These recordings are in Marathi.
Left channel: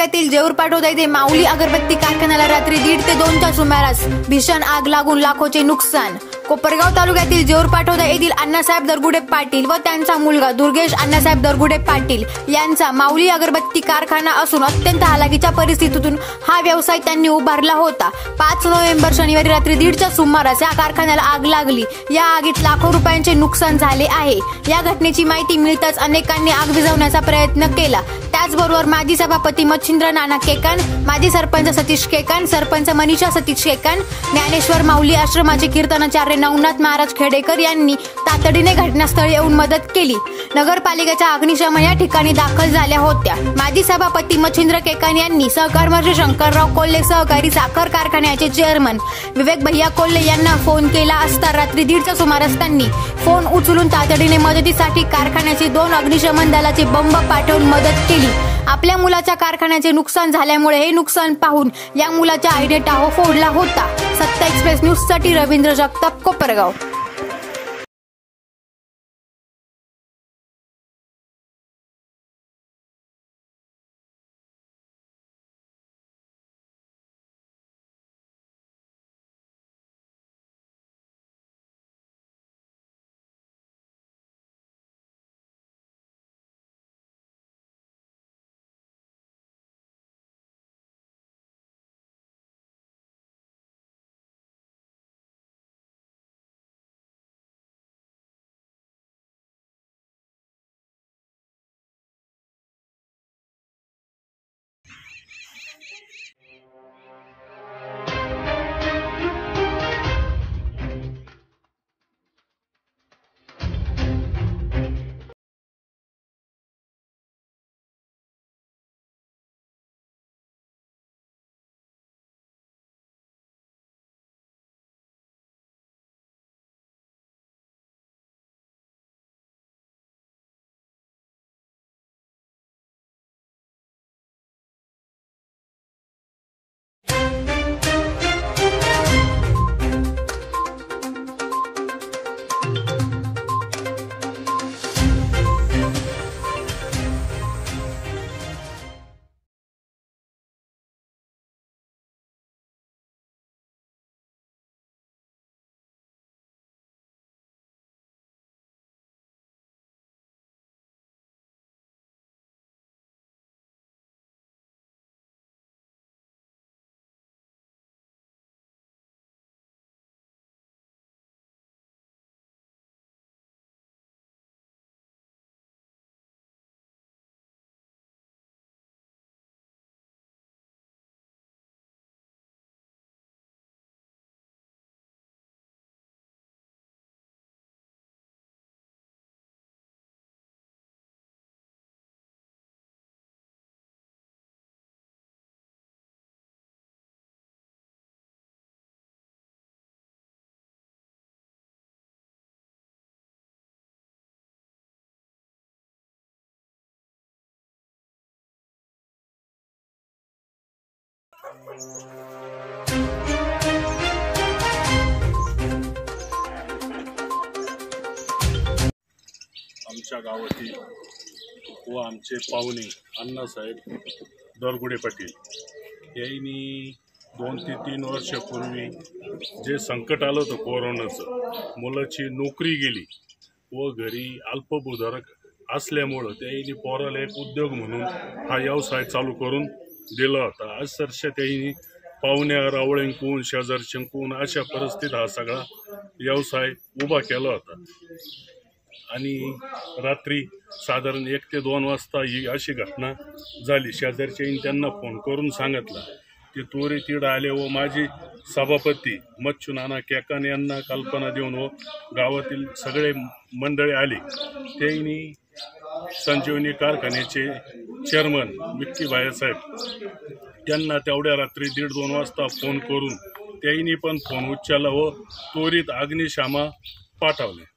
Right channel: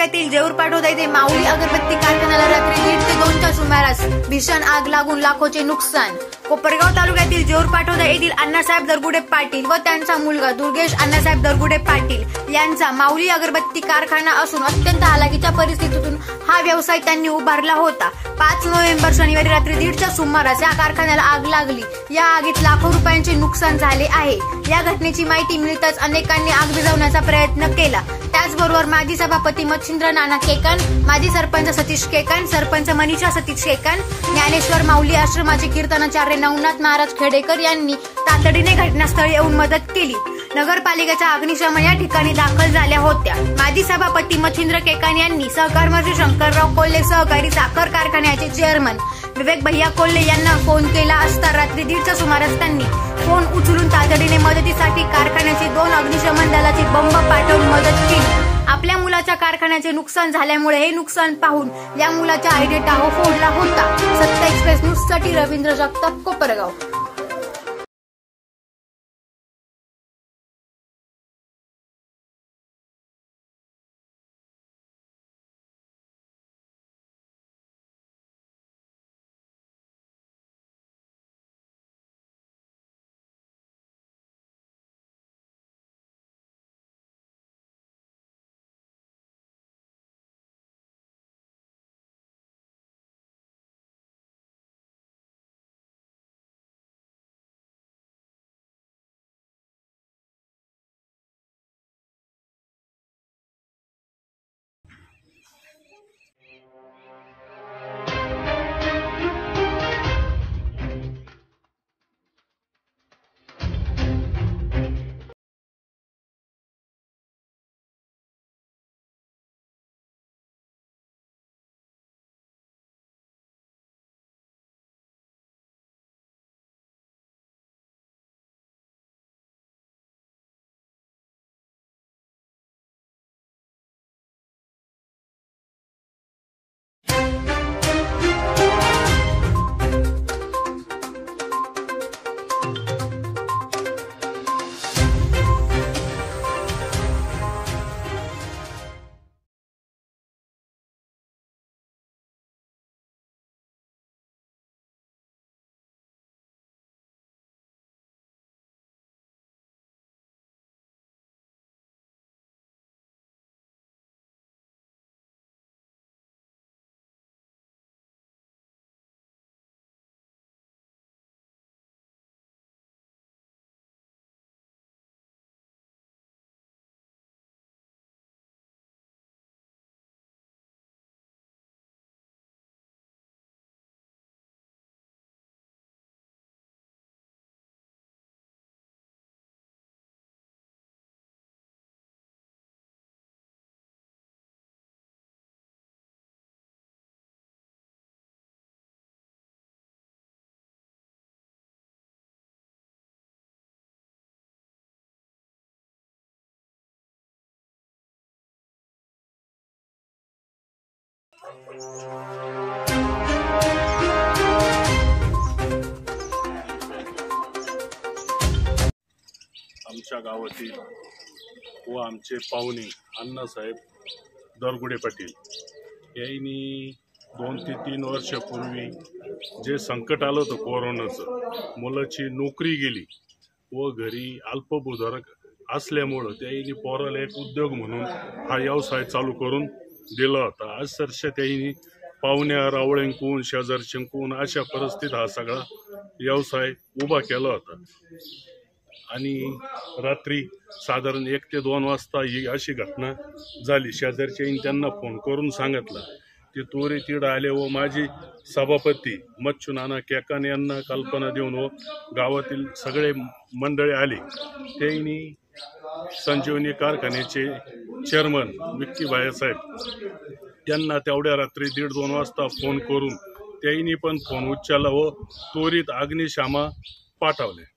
तालुक्यातील जेऊर पाटोदा येथे माऊली अगरबत्ती कारखान्याला रात्री 1:30 ते 2च्या सुमारास भीषण आग लागून लाखोचे नुकसान। कोपरगाव तालुक्यातील जेऊर पाटोदा येथील अण्णासाहेब दरगुडे पाटील व त्यांचा मुलगा दुर्गेश अण्णासाहेब दरगुडे पाटील यांचा माऊली अगरबत्ती कारखाना असून अत्यंत हालाकीच्या परिस्थितीतून हा व्यवसाय त्यांनी उभारला होता। 5 नोव्हेंबर शनिवारी रात्री 1:30च्या सुमारास या कारखान्याला आग लागली। या आगीत लाखो रुपयांचे नुकसान झाले आहे। या घटनेची माहिती मिळताच अनेकांनी आग विझवण्याचा प्रयत्न केला। त्याचबरोबर माजी सभापती मच्छिंद्र नाना केकान, माजी सरपंच सतीश केकान, सरपंच मनीषा सतीश केकान, ज्ञानेश्वर माऊली आश्रमाचे कीर्तनाचार्य नवनाथ महाराज खेडेकर यांनी तातडीने घटनास्थळी येऊन मदत केली। नगरपालिकेच्या अग्निशमन या ठिकाणी दाखल झाल्या होत्या। माजी सभापती मच्छिंद्र केकान यांनी सहकार मंत्री शंकरराव कोल्हे सहकारी साखर कारखान्याचे चेअरमन विवेक भैया कोल्हे यांना फोन केला असता रात्री 1:30च्या सुमारास त्यांनी फोन उचलून तातडीने मदतीसाठी कारखान्याचे 2 अग्निशमन दलाचे बंब पाठवून मदत केली। आपल्या मुलाच्या कारखान्याचे नुकसान झाल्यामुळे हे नुकसान पाहून या मुलाच्या आईने टाहो फोडला होता। सत्य एक्सप्रेस न्यूज साठी रवींद्र जगताप, कोपरगाव। आमच्या गावातील व आमचे पाहुणे अण्णासाहेब दरगुडे पाटील यांनी 2 ते 3 वर्षापूर्वी जे संकट आलं होतं कोरोनाचं, मुलाची नोकरी गेली व घरी अल्पभूधारक असल्यामुळं त्यांनी पोराला एक उद्योग म्हणून हा व्यवसाय चालू करून दिला होता। अक्षरशः त्यांनी पाहुण्या रावळ्यांकून शेजारच्यांकून अशा परिस्थितीत हा सगळा व्यवसाय उभा केला होता। आणि रात्री साधारण 1 ते 2 वाजता ही अशी घटना झाली। शेजारच्यांनी त्यांना फोन करून सांगितलं की त्वरित तिकडे आले व माझी सभापती मच्छू नाना केकान यांना कल्पना देऊन व गावातील सगळे मंडळी आले। त्यांनी संजीवनी कारखान्याचे चेअरमन विक्की भाईसाहेब त्यांना तेवढ्या रात्री 1:30-2 वाजता फोन करून त्यांनी पण फोन उचलला व त्वरित अग्निशामा पाठवले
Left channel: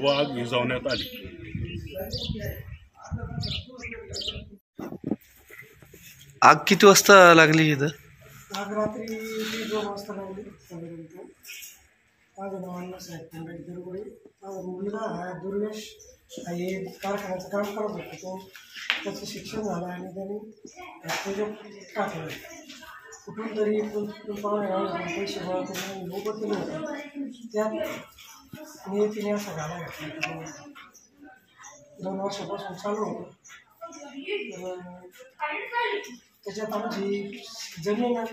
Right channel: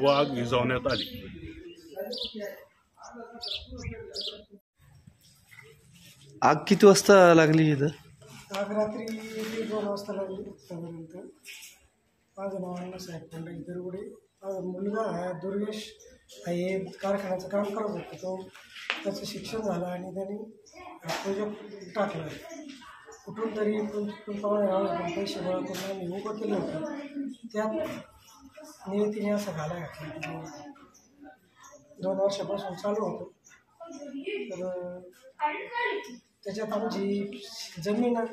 व आग विझवण्यात आली। आग किती वाजता लागली इथं? आग रात्री 2 वाजता लागली साधारणतः। माझं नाव अण्णासाहेब दरगुडे मुलगा हा दुर्गेश हे कारखान्याचं काम करत होता. तो त्याचं शिक्षण झालं आणि त्यांनी प्रोजेक्ट टाकलं. कुठून तरी पाहुणे पैसे गोळा करून आम्ही उभं केलं होतं. त्यात नियतीने असं घाला घातला. 2 वर्षापासून चालू होतं. तर त्याच्यात आमची जमीन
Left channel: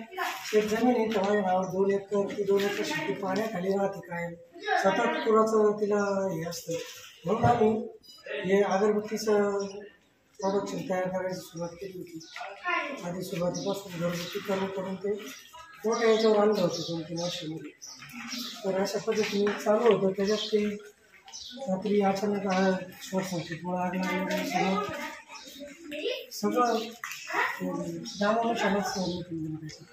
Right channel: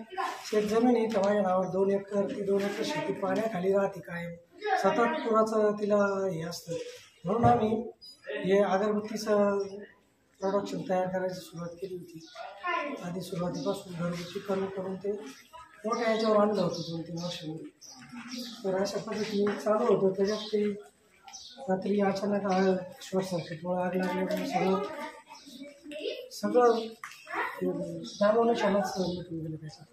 शेतजमीन आहे. माझ्या नावावर 2 एकर. ती 2 एकर शेती पाण्याखाली राहते कायम. सतत पुराचं तिला हे असतं. म्हणून आम्ही हे अगरबत्तीचं प्रोडक्शन तयार करायची सुरुवात केली होती. आधी सुरुवातीपासून घरगुती करून ते मोठ्या याच्यावर आणलं होतं 2-3 वर्षांमध्ये. तर अशा पद्धतीने चालू होतं. त्याच्यात ते रात्री अचानक शॉर्ट सर्किटमुळे आग लागल्यामुळे सगळं दामानं क्षणाच मिटून गेलं. त्याचं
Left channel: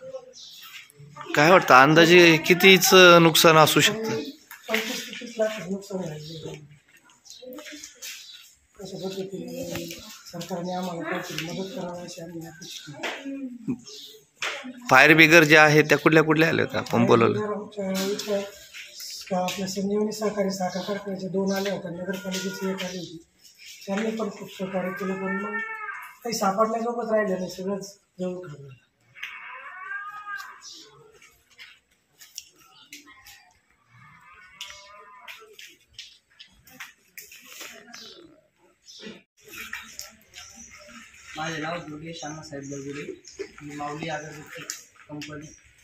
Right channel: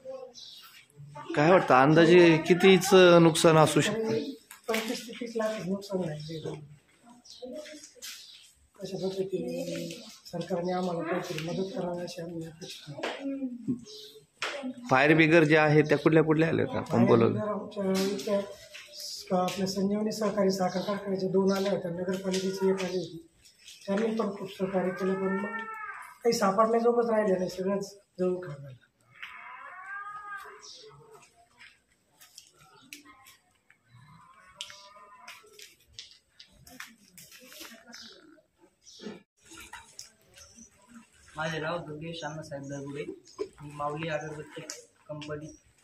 काय वाटतं अंदाजे कितीच नुकसान असू शकतं? 25-30 लाख नुकसान झाले. अशा पद्धतीने सरकारने आम्हाला काहीतरी मदत करावी अशी आम्ही अपेक्षा करतो. फायर ब्रिगेड ज्या आहेत त्या कुठल्या कुठल्या आल्या होत्या आपण बोलवलं? आमच्या इथं आपल्या संजीवनी सहकारी साखर कारखान्याच्या 2 आल्या होत्या. नगरपालिकेची 1 आली होती. त्यांनी पण खूप सहकार्य केलं. पण मग काही सापडण्याजोगंच राहिलं नाही. सगळंच जवळ खाल्लं. माझे नाव दुर्गेश अण्णासाहेब दरगुडे. मी माऊली अगरबत्ती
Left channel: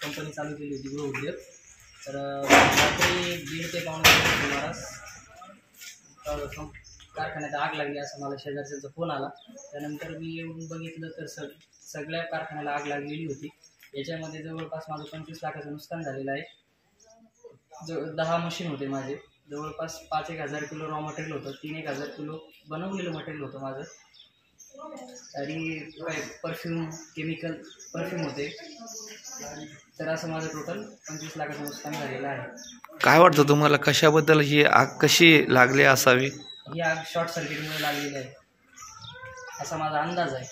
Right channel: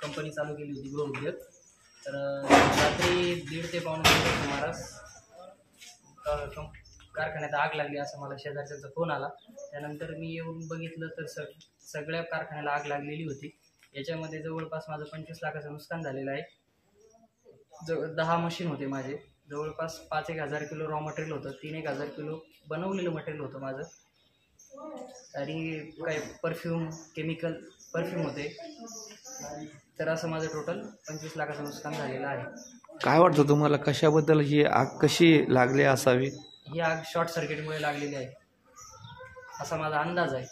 कंपनी चालू केली होती, गृहउद्योग. तर रात्री 1:30 ते 1:45 सुमारास कारखान्यात आग लागली असं मला शेजारच्यांचा फोन आला. त्यानंतर मी येऊन बघितलं तर सगळ्या कारखान्याला आग लागलेली होती. याच्यामध्ये जवळपास माझं 25 लाखाचं नुकसान झालेलं आहे. 10 मशीन होते माझे. जवळपास 5-1 हजार किलो रॉ मटेरियल होतं. 3-1 हजार किलो बनवलेलं मटेरियल होतं माझं. आणि काही केमिकल परफ्यूम होते. तर असं माझं टोटल 25 लाखाचं नुकसान झालेलं आहे. काय वाटतं तुम्हाला कशाबद्दल ही आग कशी लागली असावी? ही आग शॉर्ट सर्किटमुळे लागलेली आहे असा माझा अंदाज आहे.